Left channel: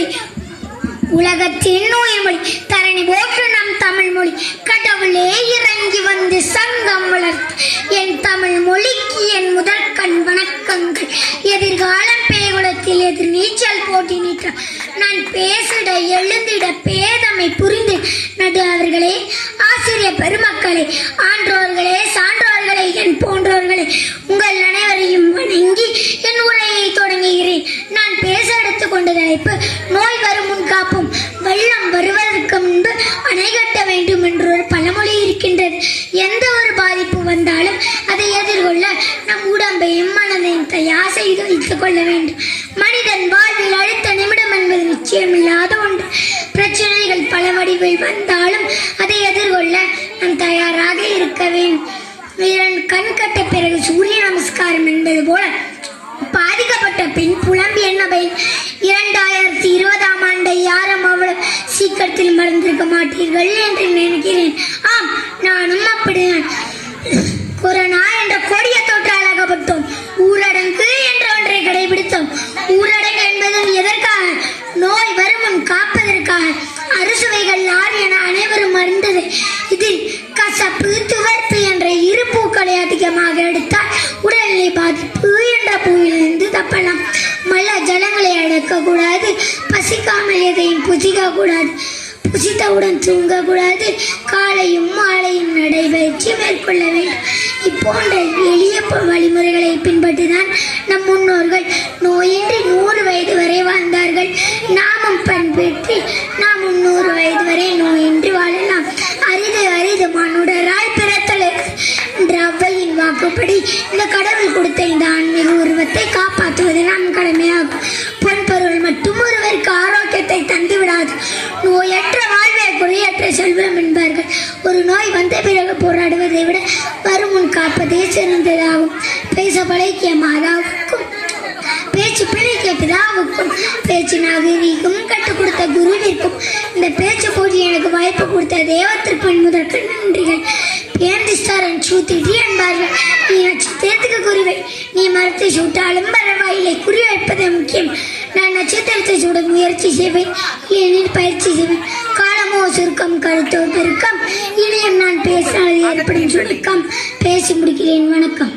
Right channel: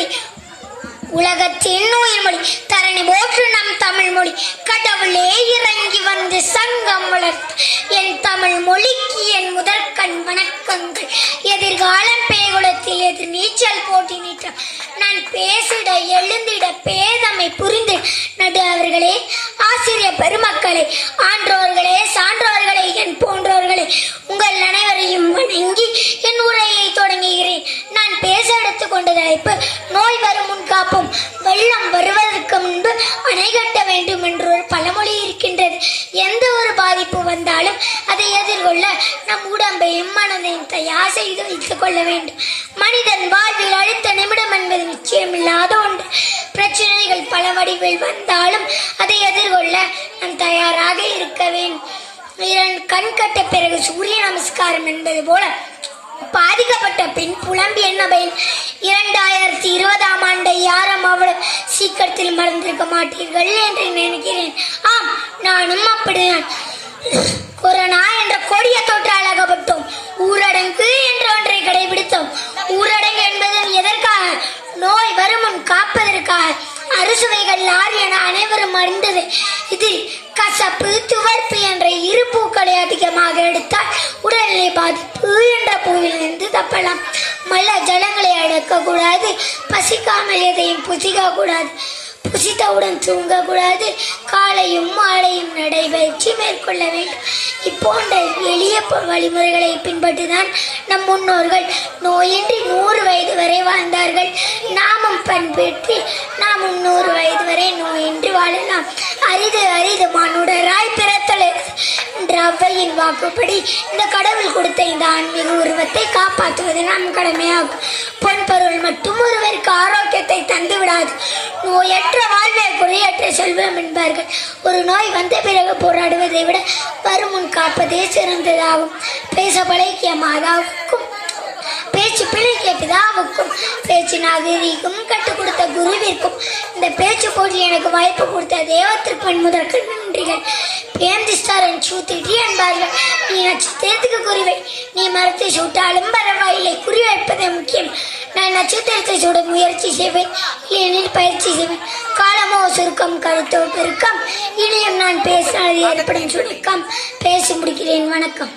மொழி உலகத்தின் உயிர்மொழி தரணி போற்று நம் தமிழ் மொழி கடவுளே இறங்கி வந்து சங்கம் வளர்த்து என் தமிழ் மொழிக்கு என் முதற்கண் வணக்கங்கள். எதிர்காலம் பேகுலத்தில் எதிர் நீச்சல் போட்டி நீற்ற நான் பேசிட எழுந்திட பேதமை புரிந்து. நடு அவர்களே ஆசிரியர் பெருமக்களே ஆன்றோர்களே சான்றோர்களே என் போன்றோர்களே உங்கள் நன வணங்கி என் உரையை தொடங்குகிறேன் நான் பேச எடுத்துக் கொண்ட தலைப்பு நோய் வரும் முன் காப்போம். வெள்ளம் வருவதற்கு முன்பு அணை கட்ட வேண்டும் என்று ஒரு பழமொழி இருக்கின்றது. எந்த ஒரு பாதிப்பு வந்தாலும் அதை எதிர்கொள்ள நம் உடம்பையும் மனதையும் தயார் செய்து வைத்துக் கொள்ள வேண்டும். மனிதன் வாழ்வில் அடுத்த நிமிடம் என்பது நிச்சயமில்லாத ஒன்று. பிரச்சனைகள் பல வடிவில் வந்தாலும் அதை எதிர்கொள்ள நாம் தயாராக இருக்க வேண்டும். கண் கட்ட பிறகு சூரிய நமஸ்காரம் என்பது போல பாதிக்கப்பட்ட பெண் புலம்பி என்ன இரண்டாயிரத்தி இருபதாம் ஆண்டை யாரும் அவ்வளவு சீக்கிரத்தில் மறந்திருக்க மாட்டீர்கள் என்று நினைக்கிறேன். ஆம் நானும் அப்படிதான் கொரோனா என்ற கொடிய தொற்றால் அகப்பட்டோம். ஊரடங்கு என்ற ஒன்றை கடைபிடித்தோம். ஊரடங்கு என்பது எதற்காக? நோய் வருமுன் காப்பதற்காக. அறுசுவைகள் யார் என அனைவரும் அறிந்தது. இதில் கசப்பு துவர்ப்பு என்ற இரு பூக்களை அதிகமாக எடுத்தால் உடல்நிலை பாதிப்பு என்ற பூவிலிருந்து தப்பலாம். மல ஜலங்களை அடக்கக்கூடாது. பசிக்காமல் எதையும் புசிக்கக்கூடாது. புசித்தவுடன் தூங்கக்கூடாது. காலையும் மாலையும் நடைபயிற்சி மேற்கொள்ள வேண்டும். இப்போன்ற எளிய வழிமுறைகளை பின்பற்றிதான் நம் முன்னோர்கள் நோயின்றி நூறு வயது வரை வாழ்ந்தார்கள். நாமும் பண்பேற்றி நாம் நூறு வயது வரை நோயின்றி வாழலாம். அரிது அரிது ஔவையின் வாக்குப்படி இந்த கடவுள் கொடுத்த இந்த ஆன்மீக உருவத்தை காப்பாற்றுவது நம் கடமையாகும். பொன் பொருள் மட்டும் ஒருவருக்கு ஆரோக்கியத்தை தந்து விடாது. நோயற்ற வாழ்வை குறையற்ற செல்வம் என்பார்கள். ஒரு நோய் வந்த பிறகு போராடுவதை விட வருமுன் காப்பதே சிறந்ததாகும். பேச பழகிய மாதாவுக்கும் பேச்சு பிழைக்கிய பிதாவுக்கும் பேச்சு நாகரீகம் கற்றுக் கொடுத்த குருவிற்கும் இந்த பேச்சு போட்டி எனக்கு வாய்ப்பு கொடுத்த தேவத்திற்கு முதற்கு நன்றிகள். பேந்திஸ்தாரன் சூத்திட்டு என்பார்கள் நீ நட்சத்திரத்துக்கு குறிவை. நீ மரத்தை சூட்டாலும் பரவாயில்லை. குறி வைப்பதே முக்கியம். நான் நட்சத்திரத்தை சூட முயற்சி செய்வேன். ஏனில் பயிற்சி செய்வேன். காலமோ சுருக்கம் கழுத்தோ பெருக்கம். இனியும் நான் பேசினால் ஏற்படும் சுருக்கம். பேசி முடிக்கிறேன். வணக்கம்.